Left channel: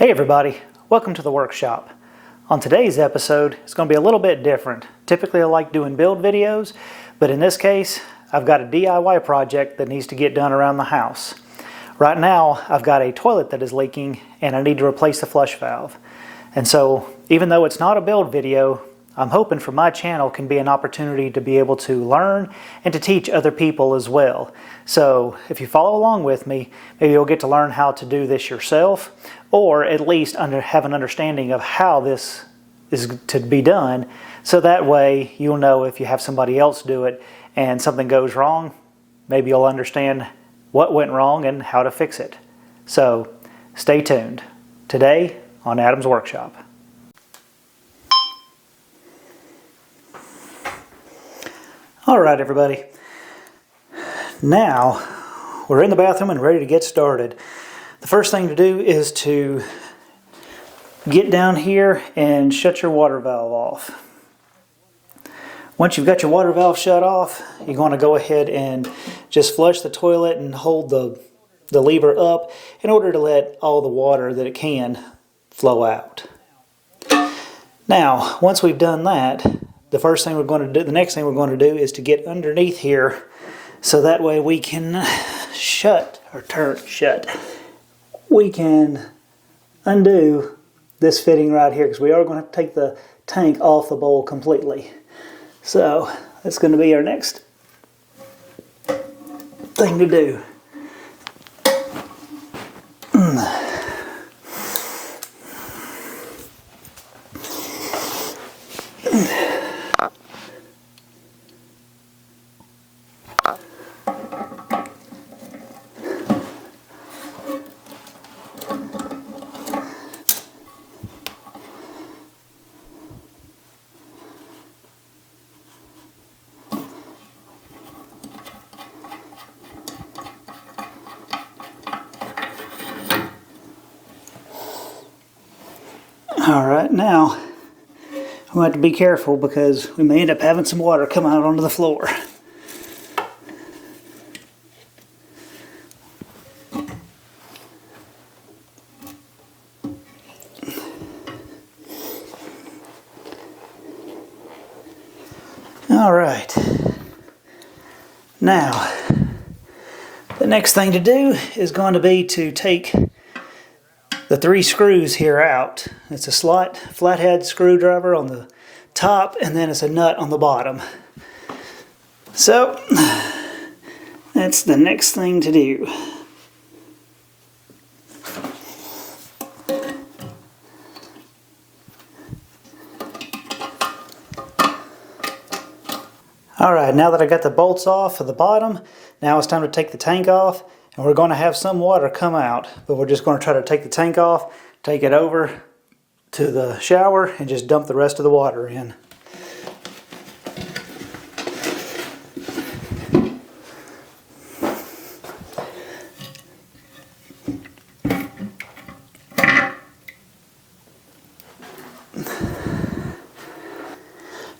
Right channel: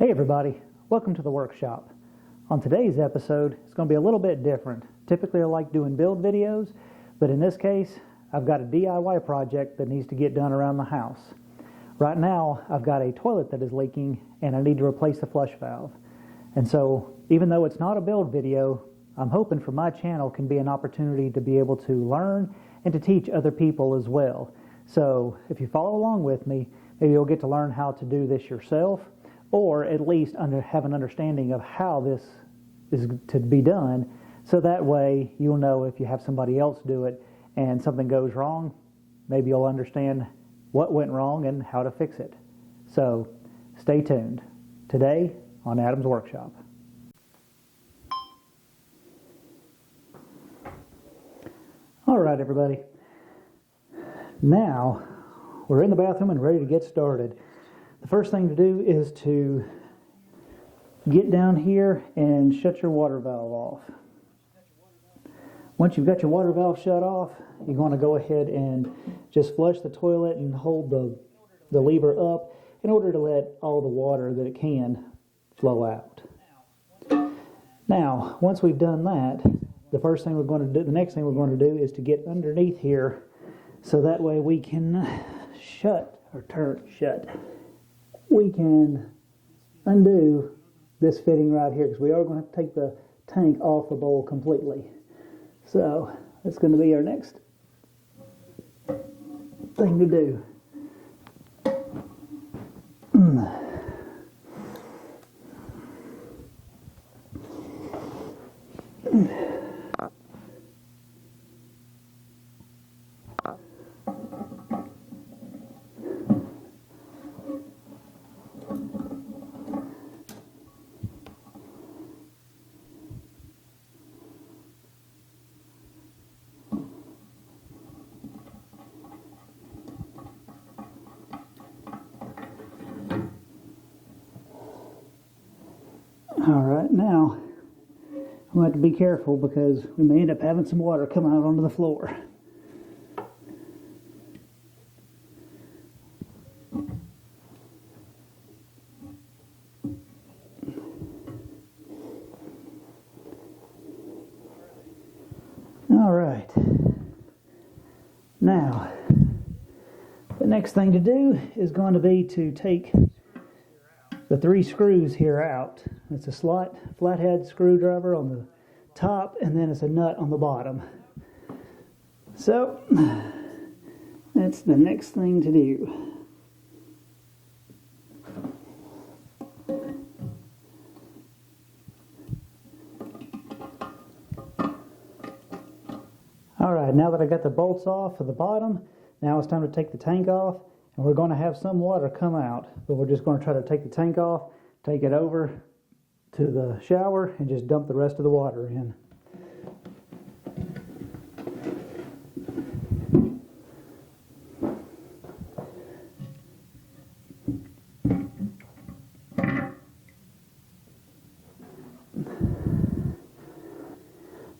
Hey everybody, welcome to the workshop. On today's episode, it's going to be a little bit different. Typically I like doing build videos, but in this case, I've got a DIY project that needs to get done around the house. Right now, I've got a toilet that is leaking and I need to replace the flush valve. And so, even though it's not a build video, I'm hoping for my channel can be an opportunity to be able to learn and to teach other people as well. So if you follow along with me, maybe you'll get to learn how to do this yourself, or at least have an understanding of how this is to be done, so that way you'll know if you have somebody else do it and something goes wrong, maybe you'll understand what went wrong and how to fix it. So stay tuned. Today on Adam's Workshop. All right, everybody. Now we're in the bathroom and ready to get started. The first thing to do is to get down here and shut your water valve off. Once you've got your water valve shut off, you're going to go ahead and just flush the toilet and hold the lever up in order to let all the water that it can flow out. Now, once we've done that, the next thing we're going to do is to get underneath here so that way we can we can undo this fitting right here, because we are going to have to take the tank off the bowl completely. So that's going to be our next thing to do. All right, now we have to be careful because we may end up having some water come out onto the floor. All right, now the next thing to do is going to be to take the 3 screws here out. It's a flathead screwdriver on the top, and then it's a nut on the bottom. So that's the next thing to do. All right, now that I got the bolts off of the bottom, now it's time to take the tank off. And we're going to have some water come out, but we're just going to try to take the tank off, take it over to the shower, and just dump the rest of the water in.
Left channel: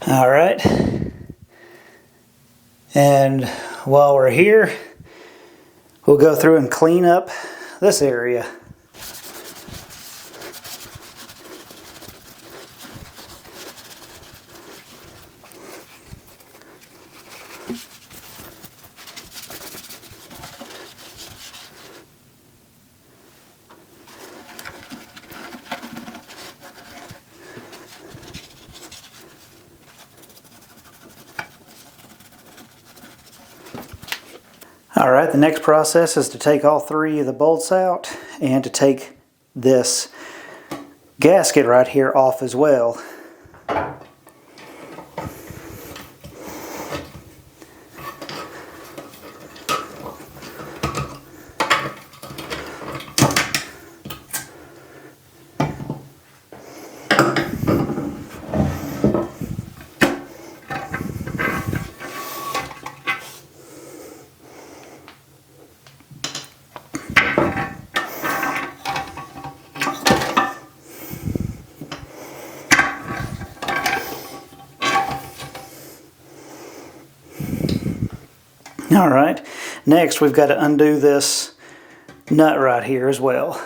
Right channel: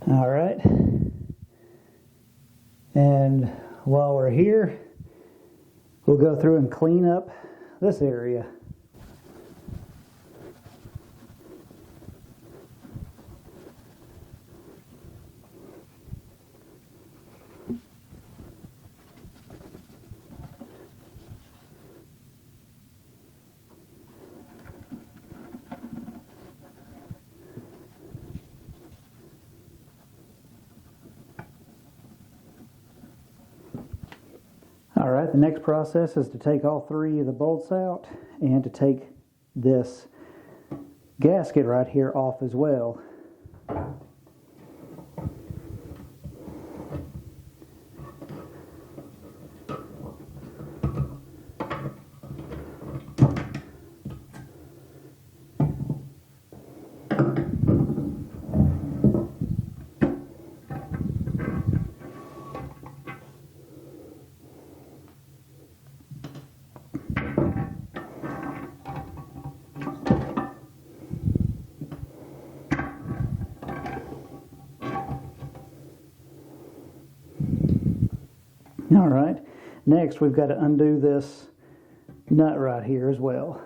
All right. And while we're here, we'll go through and clean up this area. All right, the next process is to take all 3 of the bolts out and to take this gasket right here off as well. All right, next we've got to undo this nut right here as well.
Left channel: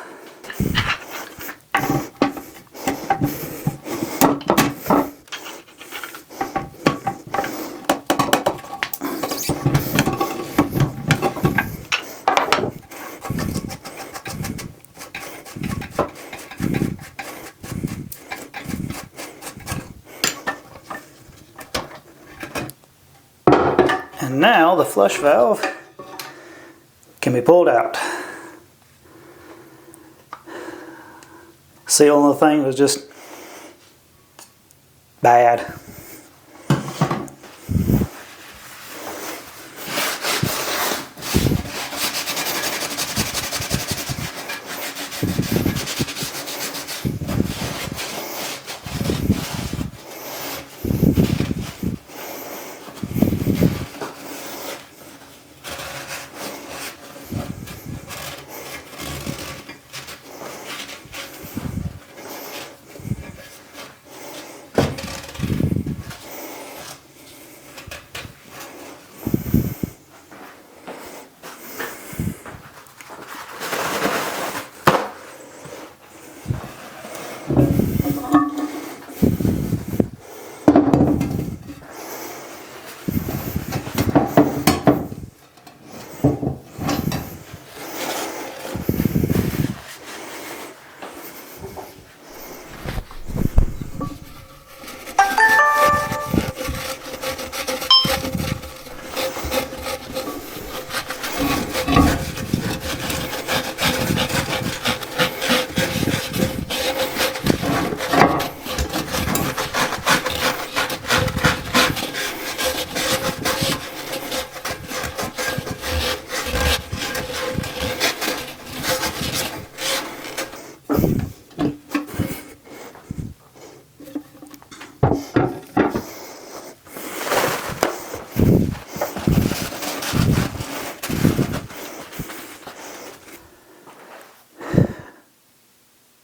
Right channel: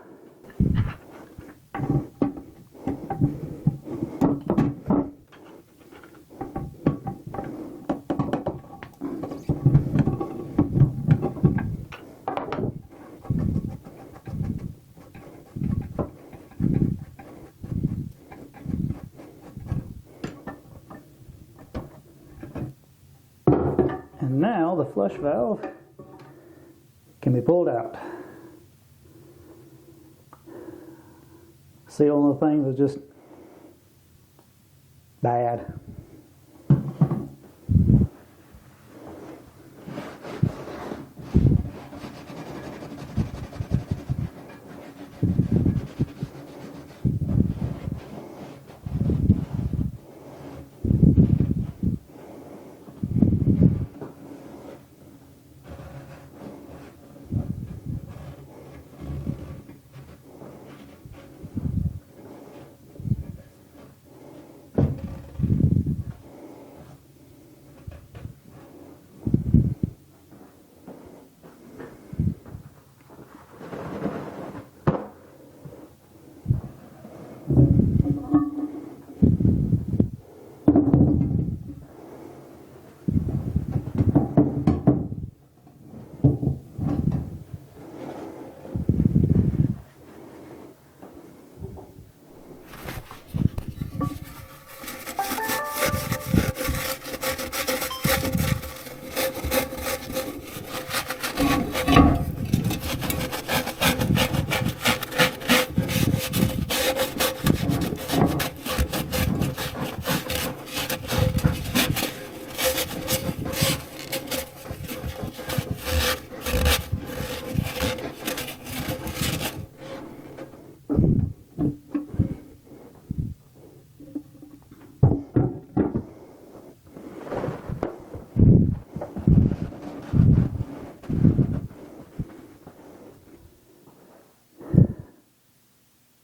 And now the flush valve can be pulled out. Seal on the thing was just bad.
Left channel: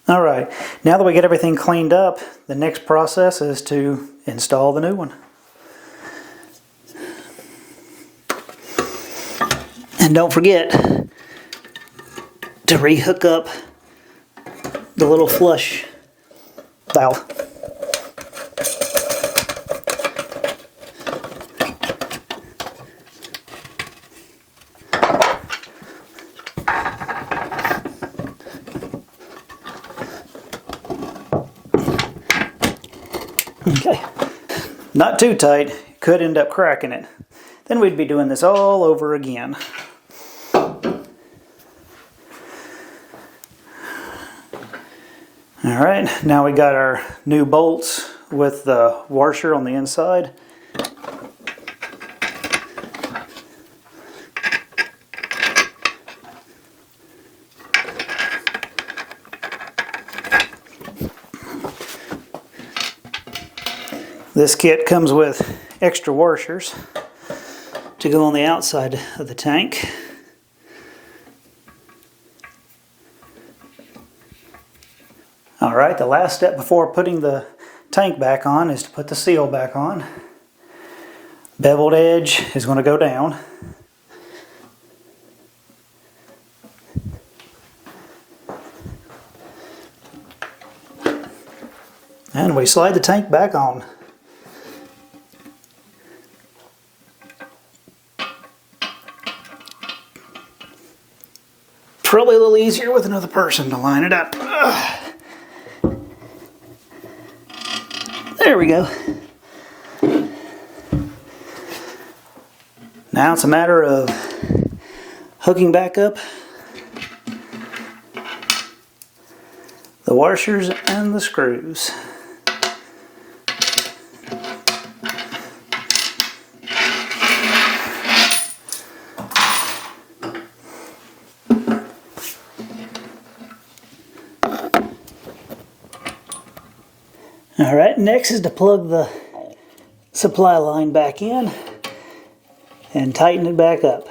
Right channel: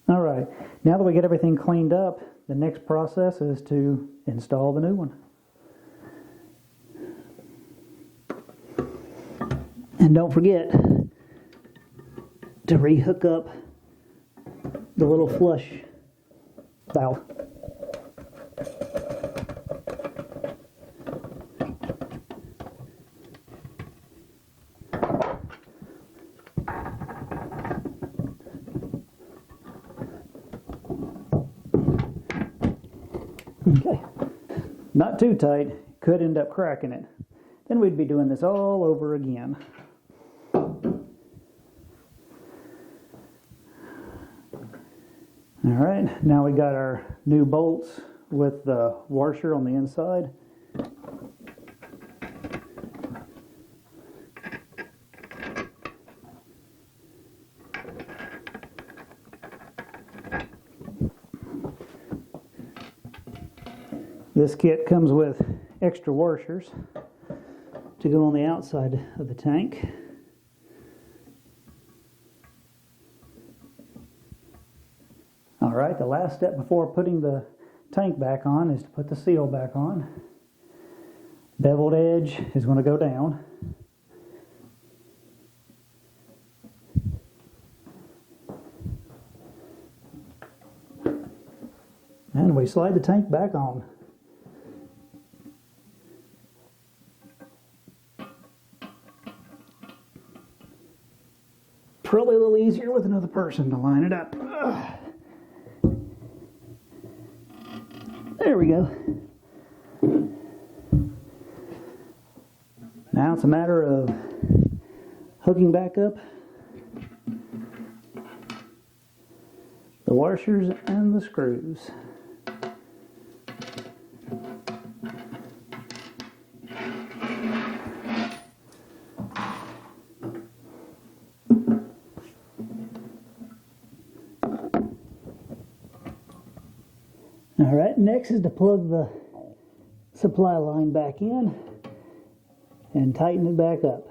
All right, now that we get everything cleaned up, the next process is to install the new one. And don't forget to re-hook up the little flush valve. Okay, not too tight, could end up cracking it. Then we'd be doing this all over again. All right, now we got our new bolts with the washer on the inside. This kit comes with extra washers to go on the outside of the tank. All right, the last step before putting the tank back on is to put the seal back on. Beveled edge is going to go down. And we slide the tank back on. Probably a little easier with another person to line it up. Ugh. There we go. Now it's a matter of hooking back up the washers and the screws. All right, next is to plug the supply line back in and tighten it back up.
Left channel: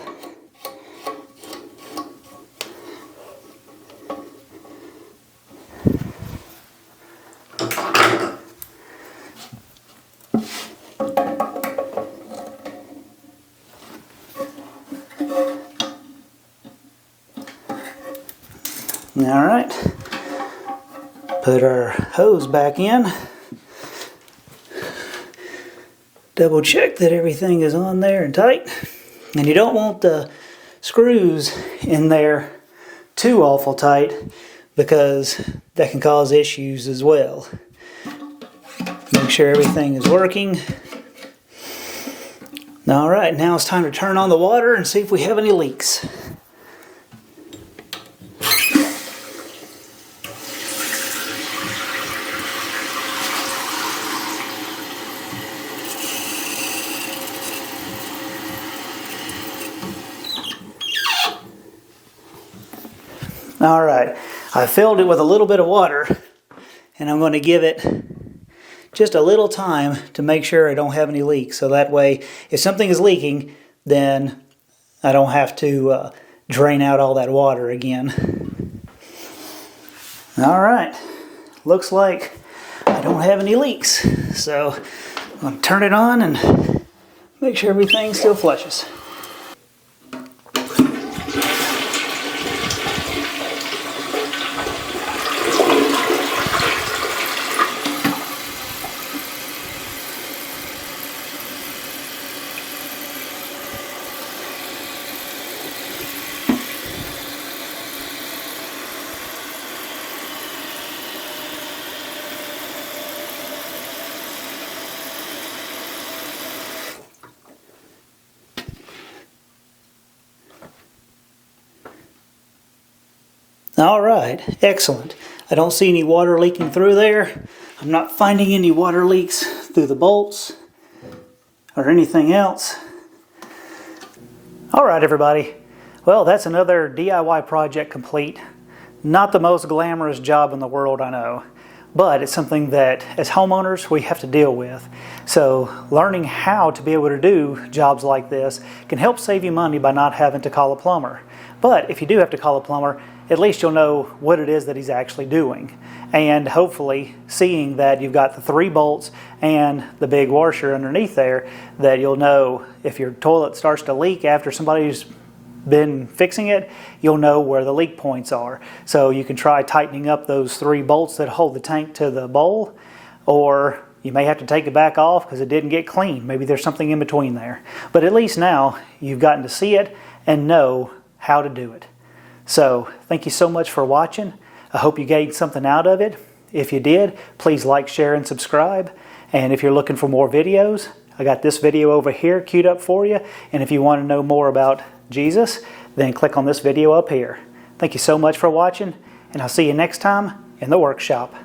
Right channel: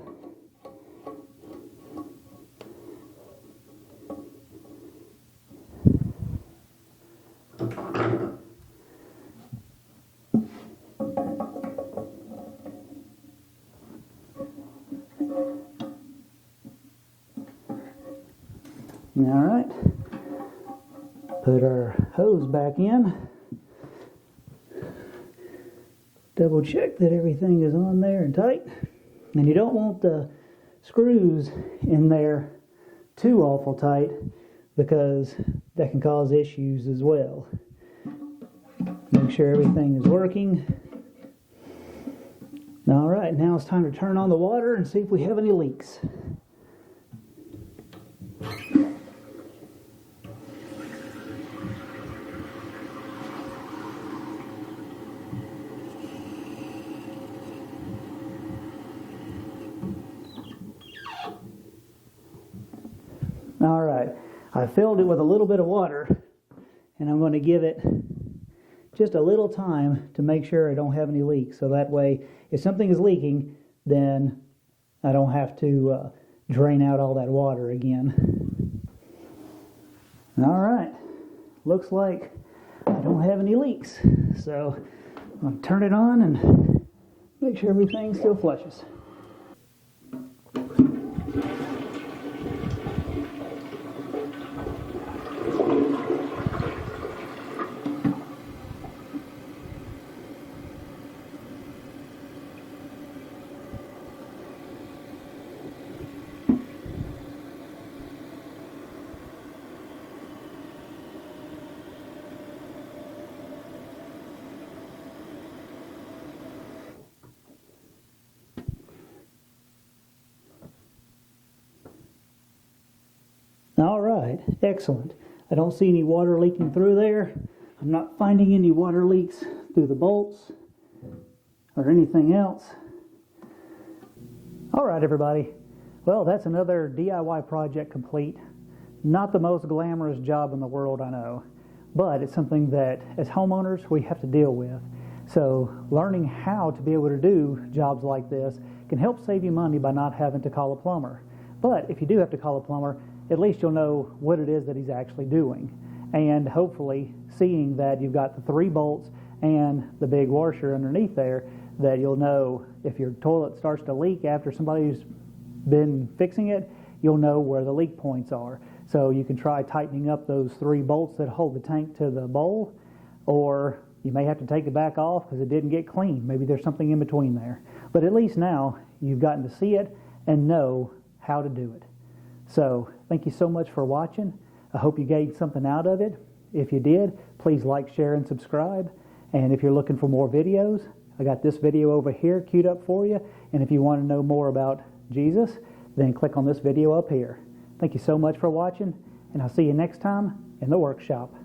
All right, put our hose back in. Double check that everything is on there and tight. And you don't want the screws in there too awful tight because that can cause issues as well. Make sure everything is working. All right, now it's time to turn on the water and see if we have any leaks. All right, I filled it with a little bit of water, and I'm going to give it just a little time to make sure I don't have any leaks. So that way, if something is leaking, then I don't have to drain out all that water again. All right, looks like I don't have any leaks. So I'm going to turn it on and make sure everything still flushes. All right, excellent. I don't see any water leaking through there. I'm not finding any water leaks through the bolts or anything else. All right, everybody. Well, that's another DIY project complete. Not the most glamorous job in the world, I know, but it's something that as homeowners we have to deal with. So learning how to be able to do jobs like this can help save you money by not having to call a plumber. But if you do have to call a plumber, at least you'll know what it is that he's actually doing. And hopefully, seeing that you've got the 3 bolts and the big washer underneath there, that you'll know if your toilet starts to leak after somebody's been fixing it, you'll know where the leak points are. So you can try tightening up those 3 bolts that hold the tank to the bowl, or you may have to take it back off because it didn't get clean. Maybe there's something in between there. But at least now you've gotten to see it and know how to do it. So thank you so much for watching. I hope you gained something out of it. If you did, please like, share, and subscribe. And if you're looking for more videos, I got this video over here queued up for you. And if you want to know more about Jesus, then click on this video up here. Thank you so much for watching, and I'll see you next time in the workshop.